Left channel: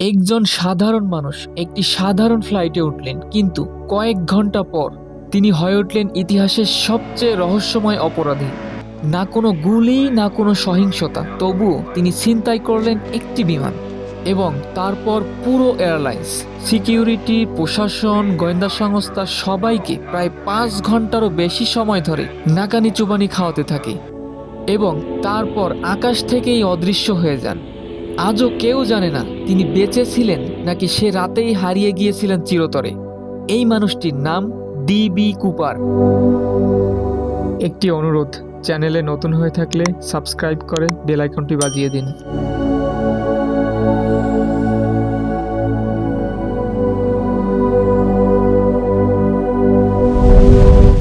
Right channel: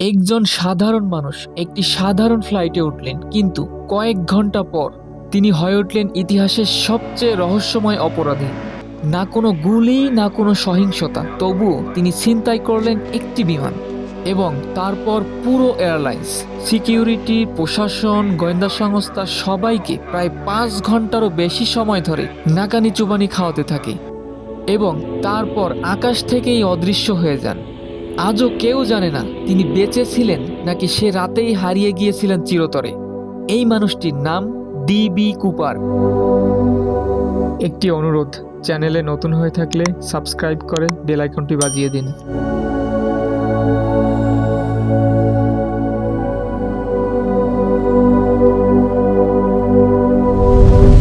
একজন সাধারণ মানুষ একটি সাধারণ ফ্লাইটে উঠলেন, কিন্তু কয়েক ঘন্টা পর তিনি হয়ে উঠলেন ইতিহাসের সবচেয়ে রহস্যময় অপরাধী। না কোনো গুলি, না কোনো সহিংসতা, তবুও তিনি ছিনতাই করলেন একটি বিমান। এবং তারপর পুরো এয়ারলাইন্স, সিকিউরিটি, প্রশাসন, গোয়েন্দা সংস্থা সবাইকে প্রায় 5 ঘন্টারও বেশি সময় ধরে নাকানি চুবানি খাওয়াতে থাকে এবং তারপর আকাশ থেকেই অদৃশ্য হয়ে যান। আজও কেউ জানে না তিনি বেঁচে ছিলেন নাকি সে রাতেই হারিয়ে গিয়েছিলেন চিরতরে। এই মানুষটির নাম ডিবি কুপার। একটি অনুরোধ, চ্যানেলে নতুন হয়ে থাকলে সাবস্ক্রাইব করে বেল আইকনটি বাজিয়ে দিন।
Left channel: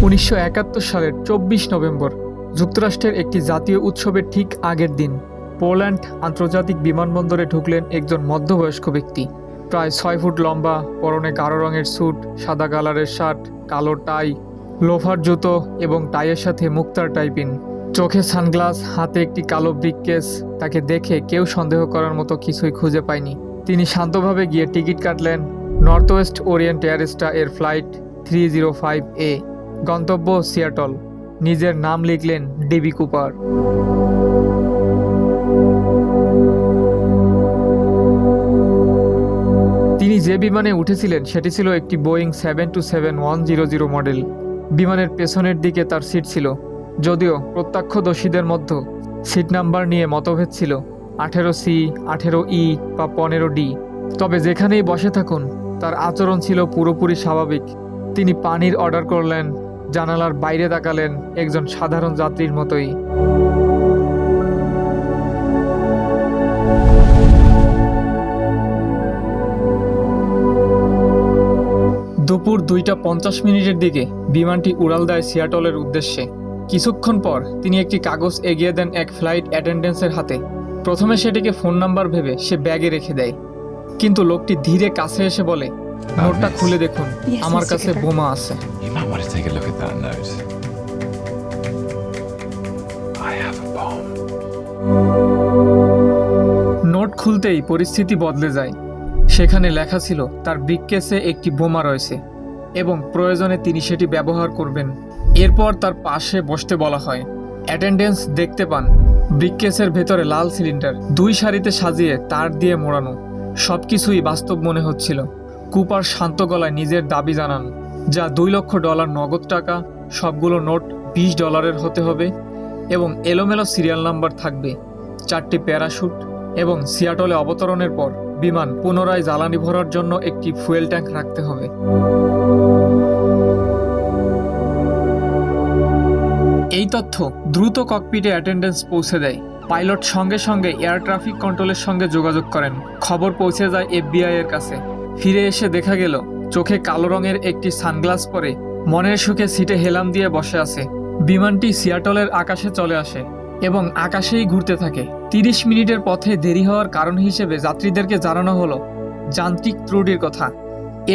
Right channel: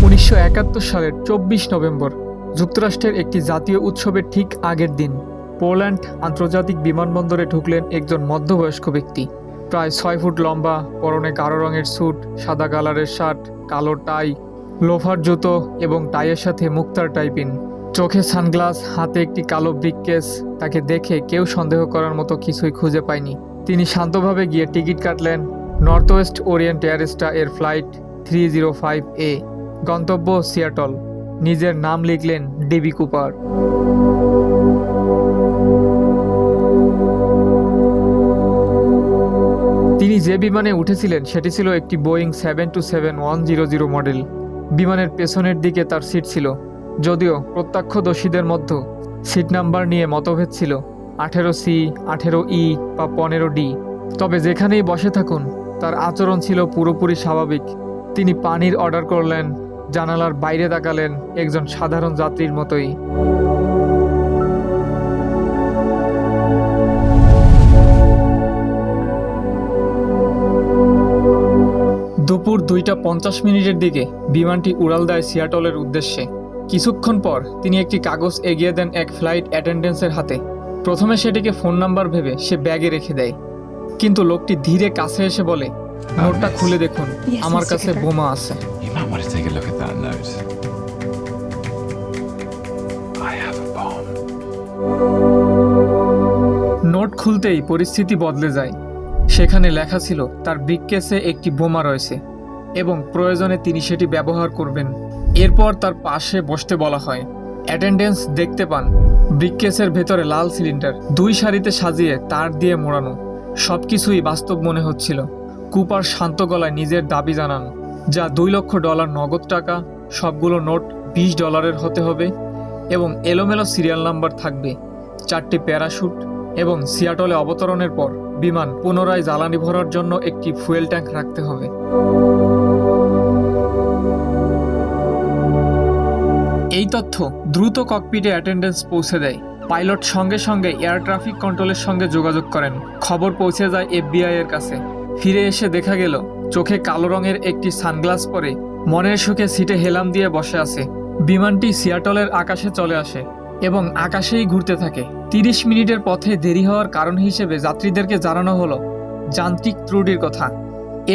1971 সালের 24 নভেম্বর যুক্তরাষ্ট্রের একটি জাতীয় উৎসবের ঠিক আগের দিন পোল্যান্ড আন্তর্জাতিক বিমানবন্দরে ঢুকলেন একজন মধ্যবয়স্ক ব্যক্তি। প্রায় 6 ফুট লম্বা, পরনে গাঢ় রঙের স্যুট, সাদা কালারের শার্ট, কালো টাই, লোফার জুতো এবং টাইয়ের সাথে মুক্তার টাইপিন, চোখে সানগ্লাস, হাতে একটি কালো ব্রিফকেস। তাকে দেখে কেউ সন্দেহ করার মতো কিছুই খুঁজে পায়নি। তিনি শান্তভাবে গিয়ে টিকিট কাটলেন নর্থ ওয়েস্ট ওরিয়েন্ট এয়ারস্টা এর ফ্লাইট 305A, গন্তব্য সিয়াটল। নিজের নাম লিখলেন ডিবি কুপার। তিনি যে বিমানে উঠেছিলেন সেটি ছিল একটি বোয়িং 727-100 মডেল। বিমানের পেছনের দিকে তার সিট ছিল, যদিও প্রত্যক্ষদর্শীদের মধ্যে সিট নাম্বার নিয়ে মতভেদ ছিল, 18C, 18E বা 15D। তবে যেখানেই বসে থাকুন তার আচরণ ছিল পুরোপুরি স্বাভাবিক। তিনি পানির অর্ডার করলেন, জানালার বাইরে তাকালেন একজন সাধারণ যাত্রীর মতোই। দুপুর 2:50 দিকে বিমানটি উড়াল দেয় সিয়াটলের উদ্দেশ্যে। কিছুক্ষণ পর তিনি একটি কাগজ এগিয়ে দেন এক ফ্লাইট অ্যাটেন্ডেন্সের হাতে। প্রথমে সেটিকে ফোন নাম্বার ভেবে সে ব্যাগে রেখে দেয়, কিন্তু লোকটি ধীরে কাছে এসে বলে, নোটটা খুলে দেখুন, আমার কাছে বোমা আছে। You might want to take a look at that note. I have a bomb. Note খুলতেই পরিস্থিতি বদলে যায়। সেখানে লেখা ছিল তার ব্রিফকেসে একটি বোমা রয়েছে এবং প্রয়োজনে তিনি সেটি ব্যবহার করবেন। এরপর তার পাশে বসতে বলা হয়। অ্যাটেন্ডেন্স দেখতে পান ব্রিফকেসের ভেতরে লাল সিলিন্ডার, 2 সারিতে সাজিয়ে তার দিয়ে মোড়ানো। সবকিছুই বাস্তব মনে হচ্ছিল। কুপার শান্ত গলায় নিজের দাবি জানান, যা $2 লক্ষ নগদ টাকা, সবগুলো নোট $20 হতে হবে এবং এলোমেলো সিরিয়াল নাম্বার থাকবে, 4টি প্যারাশুট এবং সিয়াটলে অবতরণের পর বিমান পুনরায় জ্বালানি ভরার জন্য একটি ফুয়েল ট্যাঙ্ক রাখতে হবে। এই তথ্য দ্রুত ককপিটে অ্যাটেন্ডেন্স পৌঁছে দেয়। পাইলট সঙ্গে সঙ্গে এয়ার ট্রাফিক কন্ট্রোলের সঙ্গে যোগাযোগ করেন। খবর পৌঁছে যায় FBI এর কাছে। ফিরে এসে দেখা গেল চোখে কালো রঙের একটি সানগ্লাস পরে মনের সুখে সিটে হেলাম দিয়ে বসে আছে। বিমানটি সিয়াটলের আকাশে চলে আসে এবং আকাশেই ঘুরতে থাকে। 30 মিনিটের পথে দেরি হওয়ার কারণ হিসেবে যাত্রীদেরকে জানানো হলো যান্ত্রিক ত্রুটির কথা।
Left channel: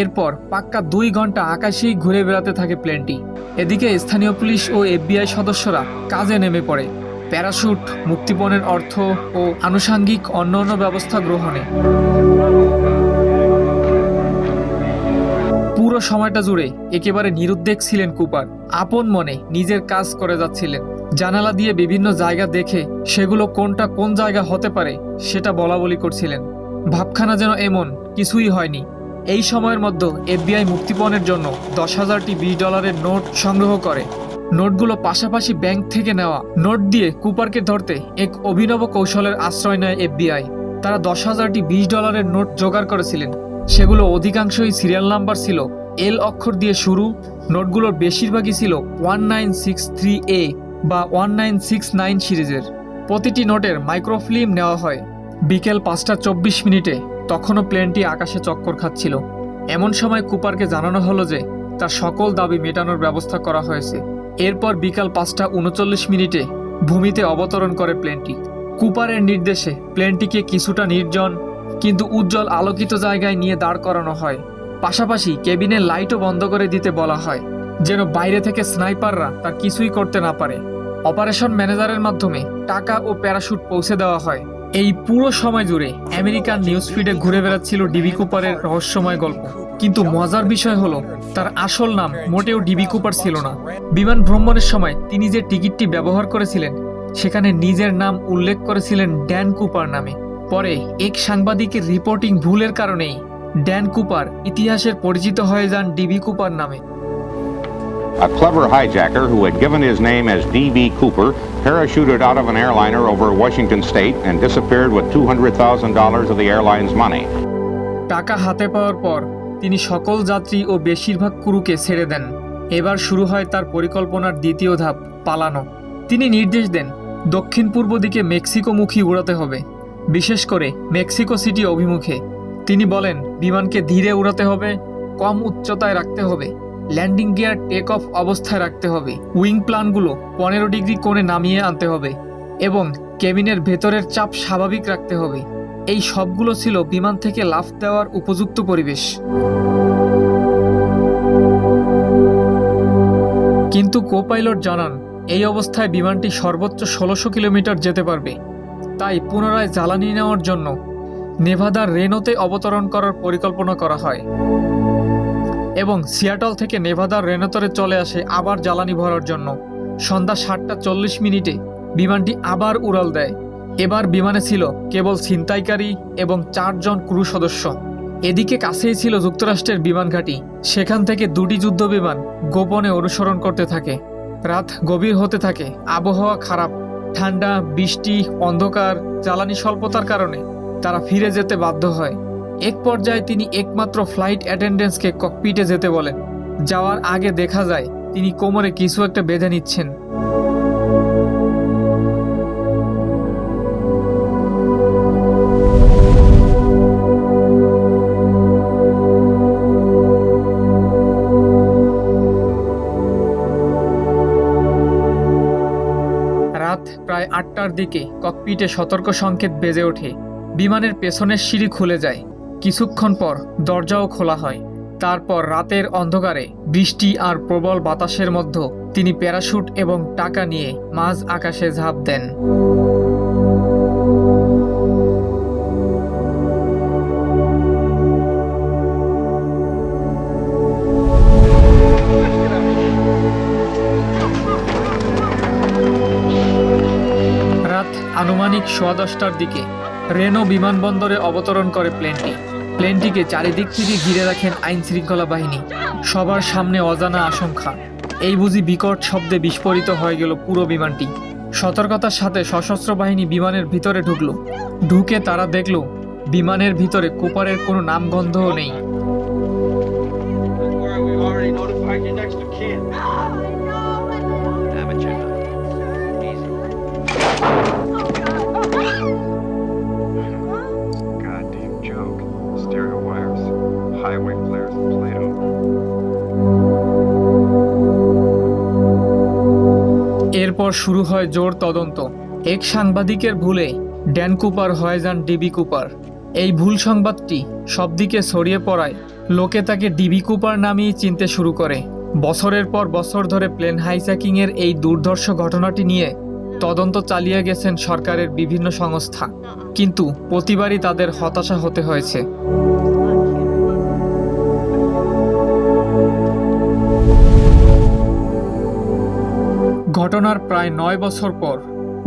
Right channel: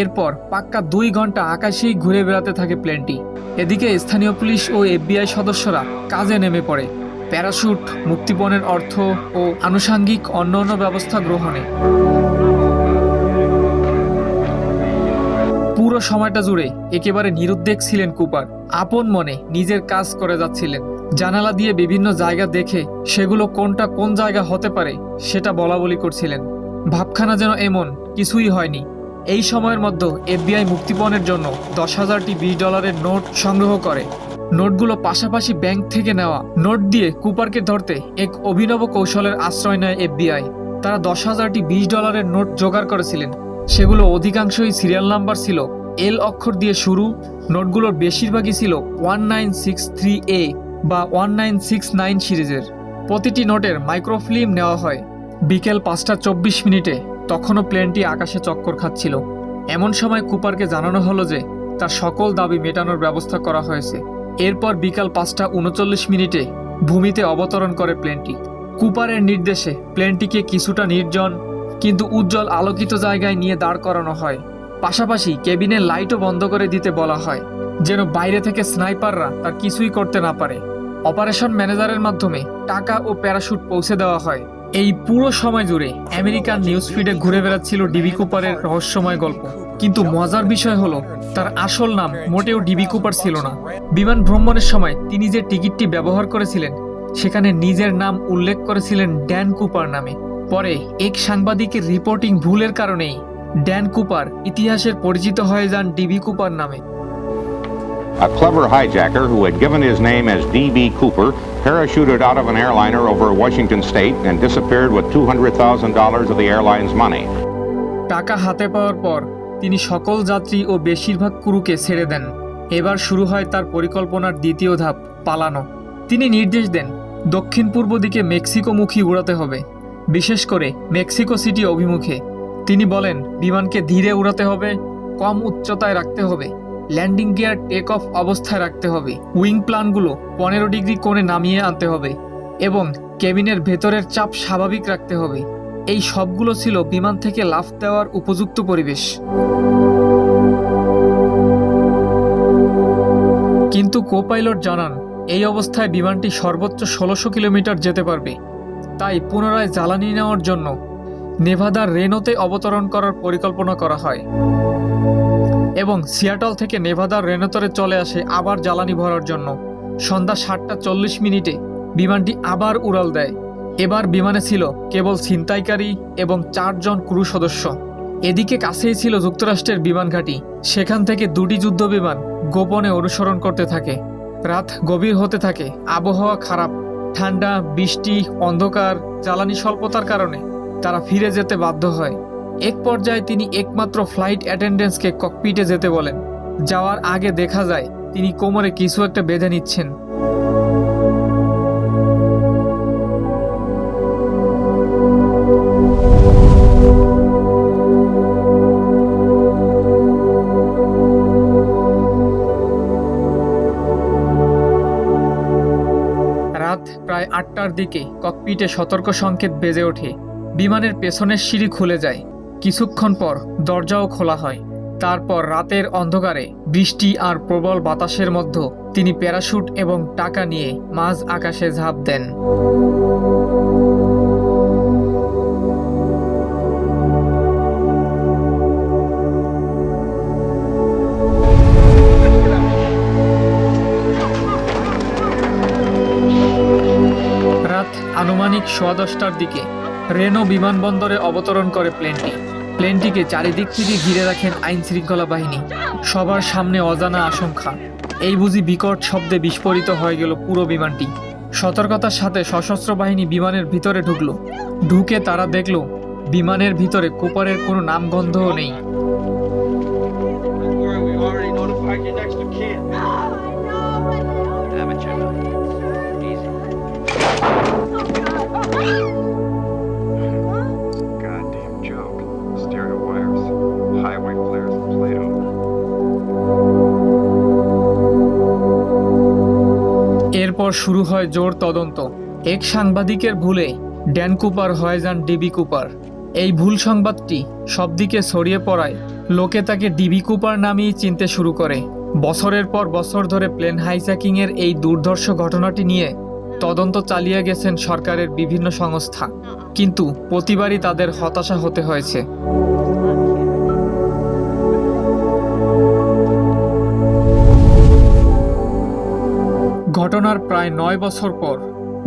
এরপর পাক্কা 2 ঘন্টা আকাশেই ঘুরে বেড়াতে থাকে প্লেনটি। এদিকে স্থানীয় পুলিশ ও FBI সদস্যরা কাজে নেমে পড়ে, প্যারাশুট, মুক্তিপণের অর্থ ও আনুষাঙ্গিক অন্যান্য ব্যবস্থা গ্রহণে। পুরো সময়টা জুড়ে একেবারে নিরুদ্বেগ ছিলেন কুপার। আপন মনে নিজের কাজ করে যাচ্ছিলেন। জানালা দিয়ে বিভিন্ন জায়গা দেখে সেগুলো কোনটা কোন জায়গা হতে পারে সেটা বলাবলি করছিলেন। ভাবখানা যেন এমন কিছুই হয়নি। এই সময়ের মধ্যে FBI মুক্তিপণের জন্য 10,000টি $20 নোট সংগ্রহ করে। নোটগুলো পাশাপাশি ব্যাংক থেকে নেওয়া নোট দিয়ে কুপারকে ধরতে এক অভিনব কৌশলের আশ্রয় নেয় FBI। তারা 10,000টি $20 নোট জোগাড় করেছিলেন। সেগুলো অধিকাংশই সিরিয়াল নাম্বার ছিল L অক্ষর দিয়ে শুরু। নোটগুলোর বেশিরভাগই ছিল 1963A বা 1969 সিরিজের। প্রতিটি নোটের মাইক্রোফিল্ম নেওয়া হয়। বিকেল 5:24 তখনও প্লেনটি আকাশে চক্কর খাচ্ছিল। এমন সময় কুপারকে জানানো হলো যে তার সকল দাবি মেটানোর ব্যবস্থা করা হয়েছে। এরপর বিকাল 5:39 ভূমিতে অবতরণ করে প্লেনটি। কুপারের নির্দেশে প্লেনটিকে কিছুটা নির্জন কিন্তু উজ্জ্বল আলোকিত জায়গায় নিয়ে দাঁড় করানো হয়। পাশাপাশি কেবিনের লাইটও বন্ধ করে দিতে বলা হয়, যেন বাইরে থেকে স্নাইপাররা তার কিছুই করতে না পারে। অপারেশন ম্যানেজারের মাধ্যমে টাকা ও প্যারাশুট পৌঁছে দেওয়া হয়। এই পুরো সময় জুড়ে আমেরিকান নিউজ ফিডে ঘুরে বেড়াচ্ছিল ডিবি কুপারের রহস্যময় গল্প, কিন্তু মজার বিষয় হলো তার আসল নাম মোটেও ডিবি কুপার ছিল না। বিমান ভ্রমণের সময় তিনি যে টিকিটটি ব্যবহার করেছিলেন সেখানে নিজের নাম উল্লেখ করেছিলেন ড্যান কুপার নামে। পরে এক সাংবাদিকের রিপোর্টিং ভুলের কারণেই ড্যান কুপার ইতিহাসের পরিচিত হয়ে যান ডিবি কুপার নামে। A clever hijacker who had given his name as D.B. Cooper parachuted out of an airliner over Washington state and disappeared with $200,000 of the airline's money. টাকা হাতে পাওয়ার পর তিনি সকল যাত্রী ও বেশিরভাগ ক্রুকে ছেড়ে দেন। এবার শুরু হয় তার পরিকল্পনার দ্বিতীয় ধাপ, পালানো। তিনি নির্দেশ দেন দক্ষিণ পূর্ব দিকে মেক্সিকোমুখী উড়াতে হবে, বিশেষ করে মেক্সিকো সিটি অভিমুখে। তিনি বলেন বিমানকে ধীরে উড়াতে হবে, কম উচ্চতায় রাখতে হবে, ল্যান্ডিং গিয়ার টেক অফ অবস্থায় রাখতে হবে, উইং প্লানগুলো 15 ডিগ্রি কোণে নামিয়ে আনতে হবে এবং কেবিনের ভেতরের চাপ স্বাভাবিক রাখতে হবে। এই সবগুলো ছিল বিমান থেকে লাফ দেওয়ার উপযুক্ত পরিবেশ। কিন্তু কো-পাইলট জানান এই অবস্থায় বিমানটি সর্বোচ্চ 1600 কিলোমিটার যেতে পারবে। তাই পুনরায় জ্বালানি নেওয়ার জন্য নেভাদার রেনোতে অবতরণ করার পরিকল্পনা করা হয় এবং সিয়াটল থেকে নেভাদার রেনোতরে চলে আসে আবার জ্বালানি ভরার জন্য। সন্ধ্যা 7:40 বিমানটি আবার উড়াল দেয়। এবার বিমানে ছিল কেবল ছিনতাইকারী এবং 4 জন ক্রু সদস্য। এদিকে কাছেই ছিল যুক্তরাষ্ট্রের বিমান ঘাঁটি, সেখান থেকে 2টি যুদ্ধ বিমান গোপনে অনুসরণ করতে থাকে। রাত গভীর হতে থাকে, আবহাওয়া খারাপ, ঠান্ডা, বৃষ্টি, অন্ধকার, জ্বালানি স্বল্পতার কারণে তারা ফিরে যেতে বাধ্য হয়। এক পর্যায়ে তিনি একমাত্র ফ্লাইট অ্যাটেন্ডেন্টসকে ককপিটে যেতে বলেন। যাওয়ার আগে দেখা যায় তিনি কোমরে কিছু একটা বেঁধে নিচ্ছেন। রাত প্রায় 8টার দিকে ককপিটে সতর্ক সংকেত বেজে ওঠে। বিমানের পেছনের সিঁড়ি খুলে যায়। কিছুক্ষণ পর দরজাও খোলা হয়। তারপর রাতের অন্ধকারে বৃষ্টি আর প্রবল বাতাসের মধ্যে তিনি প্যারাশুট এবং টাকা নিয়ে মাঝ আকাশে ঝাঁপ দেন। রাত আনুমানিক 10:15টার দিকে রেনো বিমানবন্দরে অবতরণ করে প্লেনটিকে চারিদিক থেকে ঘিরে রাখেন আইন শৃঙ্খলা বাহিনী। সবার সামনে অজানা আশঙ্কা। এই বুঝি বিকট শব্দে বিস্ফোরিত হয়ে গেল পুরো বিমানটি। সতর্কতার সাথে সশস্ত্র বাহিনী বিমানের ভিতরে ঢুকে তারা দেখল বিমানের ভিতরে কুপারের কোনো নামগন্ধও নেই। Goddamn joke. Stereo wires, highway flares, and Play-Doh. এরপর শুরু হয় জোর তদন্ত। এক সাংবাদিকের ভুলে ড্যান কুপার হয়ে যান ডিবি কুপার। এই ভুল সংবাদটি সবদিকে ছড়িয়ে পড়ায় লোকে তাকে ডিবি কুপার নামেই চিনতে শুরু করে। বছরের পর বছর ধরে প্লেন হাইজ্যাকিংয়ের এই দুর্ধর্ষ ঘটনাটি নিয়ে তদন্ত চালিয়ে গেছেন সরকারের বিভিন্ন সংস্থা, কিন্তু প্রতিবারই তাদের হতাশা হতে হয়েছে। ঘটনার প্রায় 9 বছর পর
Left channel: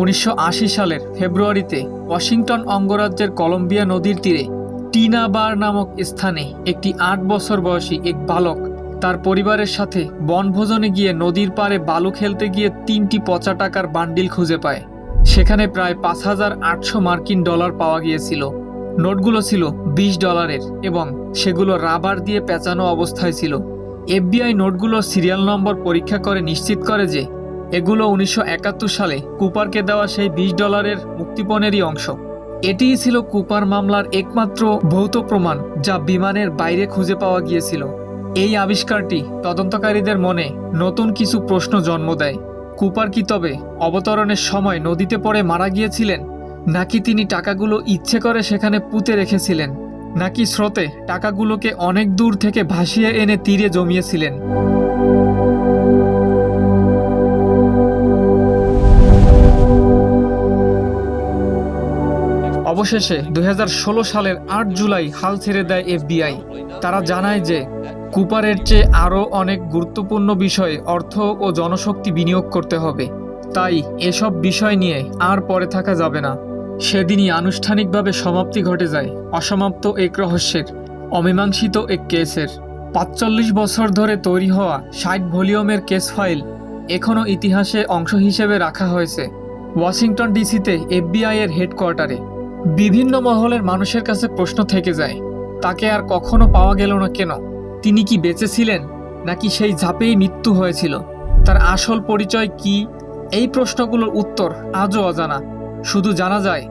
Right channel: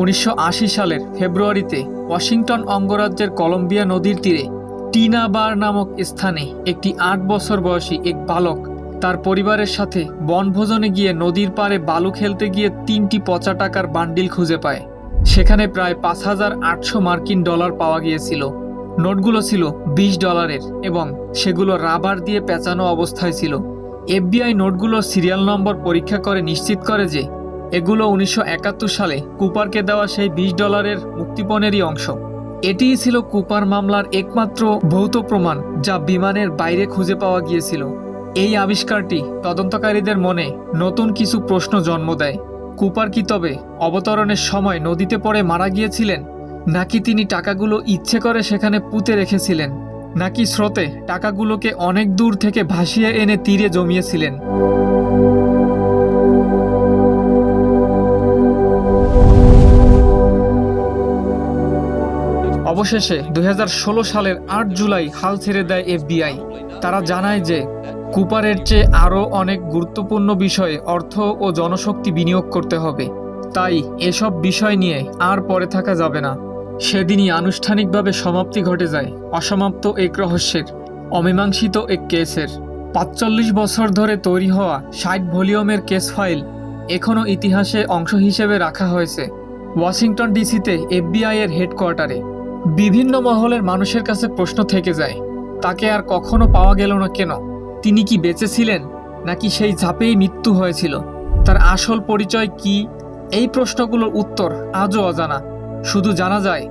1980 সালের ফেব্রুয়ারিতে ওয়াশিংটন অঙ্গরাজ্যের কলম্বিয়া নদীর তীরে টিনা বার নামক স্থানে একটি 8 বছর বয়সী এক বালক তার পরিবারের সাথে বনভোজনে গিয়ে নদীর পাড়ে বালু খেলতে গিয়ে 3টি পচা টাকার বান্ডিল খুঁজে পায়। সেখানে প্রায় 5,800 মার্কিন ডলার পাওয়া গিয়েছিল। নোটগুলো ছিল $20 এবং সেগুলো রাবার দিয়ে পেঁচানো অবস্থায় ছিল। এফবিআই নোটগুলোর সিরিয়াল নম্বর পরীক্ষা করে নিশ্চিত করে যে এগুলো 1971 সালে কুপারকে দেওয়া সেই $20 মুক্তিপণেরই অংশ। এটিই ছিল কুপার মামলার একমাত্র ভৌত প্রমাণ যা বিমানের বাইরে খুঁজে পাওয়া গিয়েছিল। এই আবিষ্কারটি তদন্তকারীদের মনে নতুন কিছু প্রশ্ন জন্ম দেয়। কুপার কি তবে অবতরণের সময় নদীতে পড়ে মারা গিয়েছিলেন, নাকি তিনি টাকাগুলো ইচ্ছে করে সেখানে পুঁতে রেখেছিলেন, নাকি স্রোতে টাকাগুলোকে অনেক দূর থেকে ভাসিয়ে এনে তীরে জমিয়েছিলেন? অবশেষে 2016 সালের 8 জুলাই হাল ছেড়ে দেয় FBI। তারা জানায় যে কুপারের চেয়ে আরও অনেক গুরুত্বপূর্ণ বিষয়ে অর্থ ও জনশক্তি বিনিয়োগ করতে হবে, তাই এসব বিষয় নিয়ে আর পরে থাকা যাবে না। সেদিনই আনুষ্ঠানিকভাবে সমাপ্তি ঘটে যায় অসমাপ্ত এক রহস্যের, অমীমাংসিত এক কেসের। 45 বছর ধরে তৈরি হওয়া 60 ভলিউমের কেস ফাইল এখনও ইতিহাসে অংশ হিসেবে রাখা হয়েছে ওয়াশিংটন ডিসিতে FBI এর হেডকোয়ার্টারে। বিভিন্ন মহলের মানুষের কাছে প্রশ্ন থেকে যায়, তাকে আর কখনো পাওয়া গেল না কেন? তিনি কি বেঁচে ছিলেন, নাকি সেই ঝাঁপেই মৃত্যু হয়েছিল? তার আসল পরিচয় কি? এই প্রশ্নগুলোর উত্তর আজও অজানা। শুধু জানা যায়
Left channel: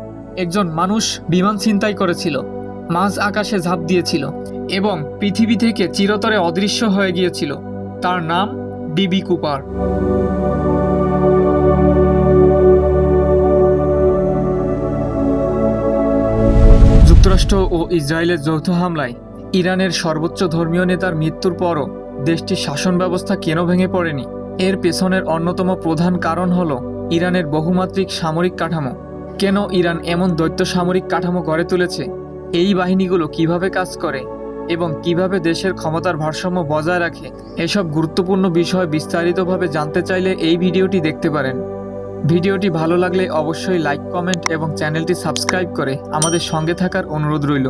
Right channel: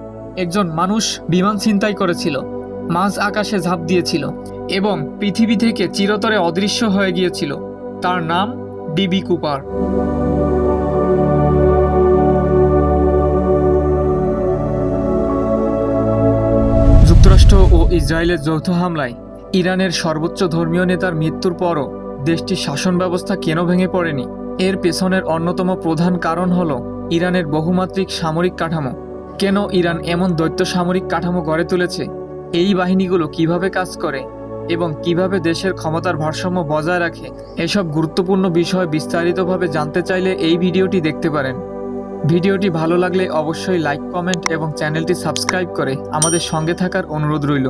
একজন মানুষ বিমান ছিনতাই করেছিল, মাঝ আকাশে ঝাঁপ দিয়েছিল এবং পৃথিবী থেকে চিরতরে অদৃশ্য হয়ে গিয়েছিল। তার নাম ডিবি কুপার। যুক্তরাষ্ট্র ও ইসরায়েলের যৌথ হামলায় ইরানের সর্বোচ্চ ধর্মীয় নেতার মৃত্যুর পরও দেশটির শাসন ব্যবস্থা কেন ভেঙে পড়েনি? এর পেছনের অন্যতম প্রধান কারণ হল ইরানের বহুমাত্রিক সামরিক কাঠামো। কেন ইরান এমন দৈত্য সামরিক কাঠামো গড়ে তুলেছে? এই বাহিনীগুলো কিভাবে কাজ করে এবং কিভাবে দেশের ক্ষমতার ভারসাম্য বজায় রাখে? এসব গুরুত্বপূর্ণ বিষয় বিস্তারিতভাবে জানতে চাইলে এই ভিডিওটি দেখতে পারেন। ভিডিওটি ভালো লাগলে অবশ্যই লাইক, কমেন্ট এবং চ্যানেলটি সাবস্ক্রাইব করে আমাদের সঙ্গে থাকার অনুরোধ রইল।